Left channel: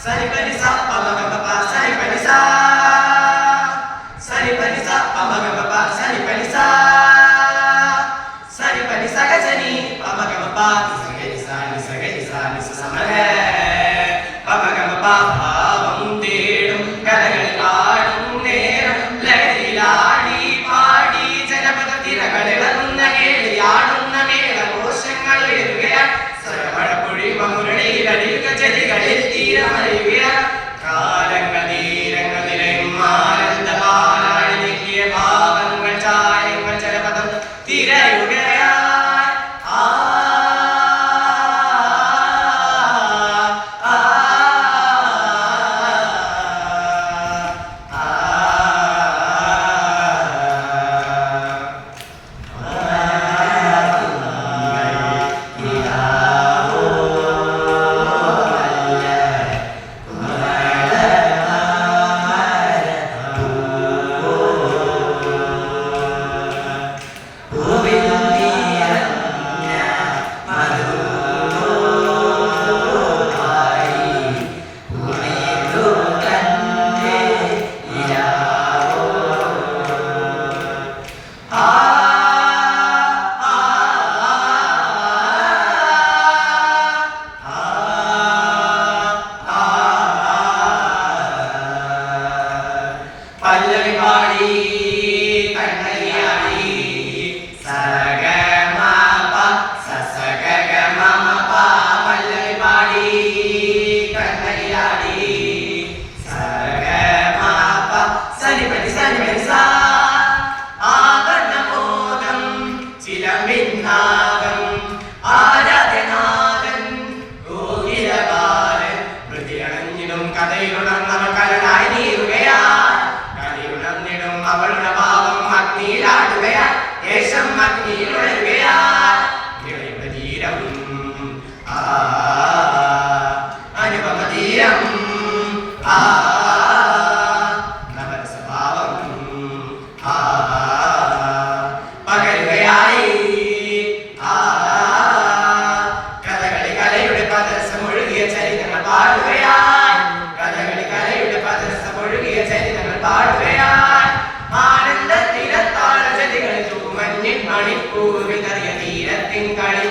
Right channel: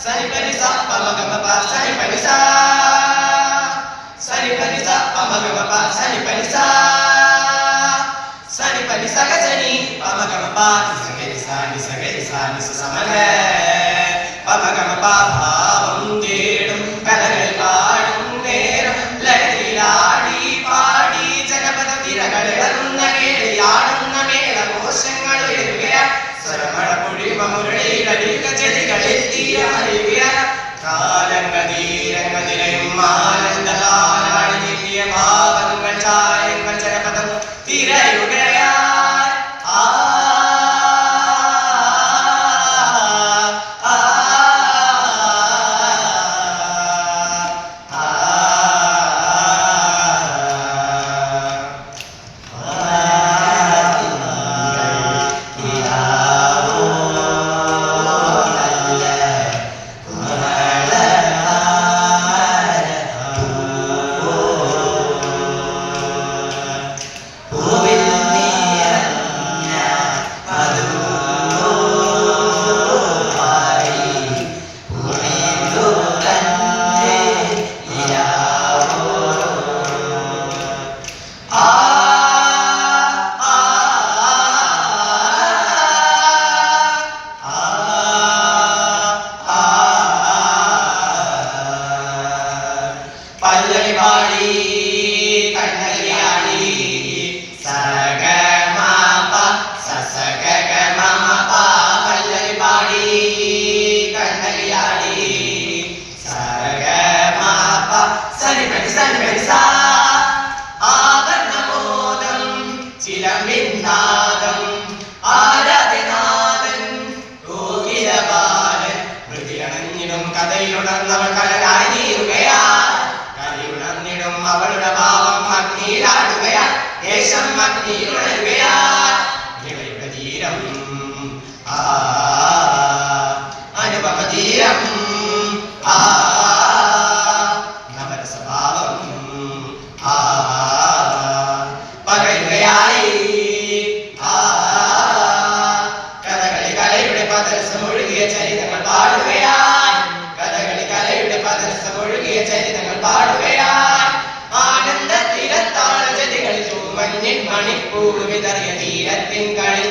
sani pani sa pa ma ga ma pa sani pani sa pa ma ga ma pa sani pani sa ga sani pa ma ga ma pa ni sa ni sa ma ga pa ma ga ma pa bhavam tedum kalagal paadum neram lagiladi paadi janapada tiragale vanna keliyadunna mela moshangal irugaya saravada pudi mamurali ladiga chedigalil tirariya kalangal neerangal nilayum aananda kaanadi nikkiya bhavangal chayangal janapada tirayugaya പല്ലവി പാടി കണ്ണലിയാടി സഗ മപ സസഗ മമ പ പല്ലവി പാടി കണ്ണലിയാടി സഗ മപ സനി പനി സാ ആവർണമോദം ചിലമ്പിന്നാദം ആരാധനാഥൻ ഗോകിലബാലൻ വൃതിയണഞ്ഞിടും കഥയിലുണർന്നവൾ കരനായി നീറുകയാ അവളുടെ ഭാവം അഗ്നിയിലാടുകയാ ദേശം അഗ്നിയിലുണരുകയാ ഇളയുടെ തീരം അനുപമതീരം നവരസഭാവം പകരുകയായി കഥകളി കലയുടെ പദരസമൊഴുകിയ ചരിതങ്ങൾ പാടുകയാ കഥകളി കലയുടെ പദരസമൊഴുകിയ ചരിതങ്ങൾ പാടുകയാ ആനന്ദത്തിരത്താള ജതികളിൽ മഞ്ഞിൻ മണിക്കൂറുമിതറിയ തീരത്തിൻ കളി